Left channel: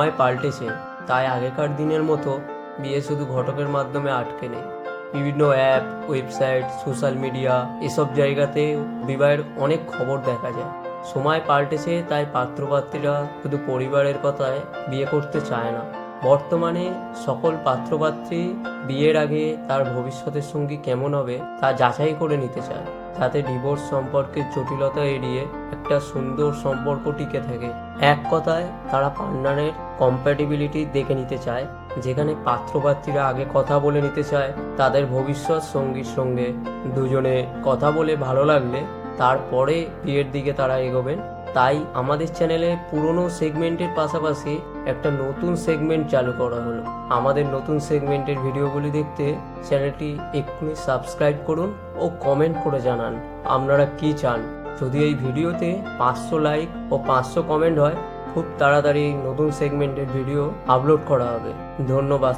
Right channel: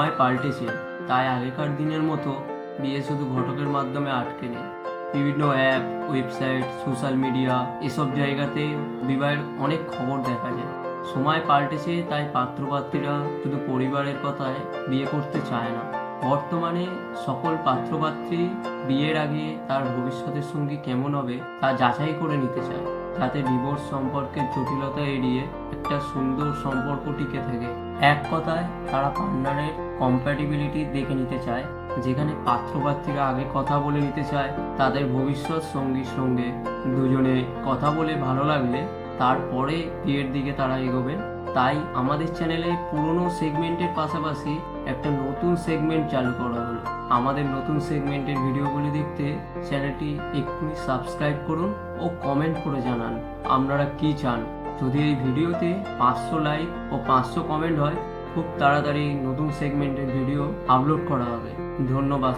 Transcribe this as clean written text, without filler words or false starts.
সময় পাল্টেছে, তাই আগেকার দিনের মতো বিয়ে শুধু ঘটকের মাধ্যমে আটকে নেই। বিভিন্ন অ্যাপ, ওয়েবসাইট, সোশ্যাল মিডিয়া এসব জায়গাতে বিবাহের অনেক খবর দেখা যায়। সময় পাল্টেছে, তাই পাত্রপাত্রীরা শুধু পরিবারের কথায় বিয়ে করতে চায় না। বর্তমানে সকল পাত্রপাত্রী বিয়ের আগে তার ভবিষ্যতের সঙ্গী কেমন হবে তা যাচাই করে নিতে চায়, যাতে ডিভোর্স সম্পর্কের জটিলতা এড়িয়ে একটা সুন্দর সম্পর্ক টিকে থাকে। এক কথায় তারা পার্টনারের কম্প্যাটিবিলিটি দেখে নিতে চায়, যেখানে পাত্রপাত্রীরা আগে কথা বলে নিতে চায় তাদের ভবিষ্যৎ সঙ্গীর সঙ্গে। দুজনে কথা বলে ভালো লাগলে তারপরে বিয়ের দিকে তারা এগোবেন। তাই আমাদের চ্যানেলে পুরনো সেগমেন্টের পাশাপাশি একটা নতুন সেগমেন্ট চালু করা হলো। আমাদের নতুন সেগমেন্টের ভিডিওগুলি দেখতে চ্যানেলটি এক্ষুনি সাবস্ক্রাইব করুন ও কমেন্ট করে জানান আপনারা কি চান। যদি এই ভিডিওতে 500 লাইক ও 500 কমেন্ট হয়, খুব তাড়াতাড়ি নতুন সেগমেন্টের ভিডিও আপলোড করা হবে। ধন্যবাদ।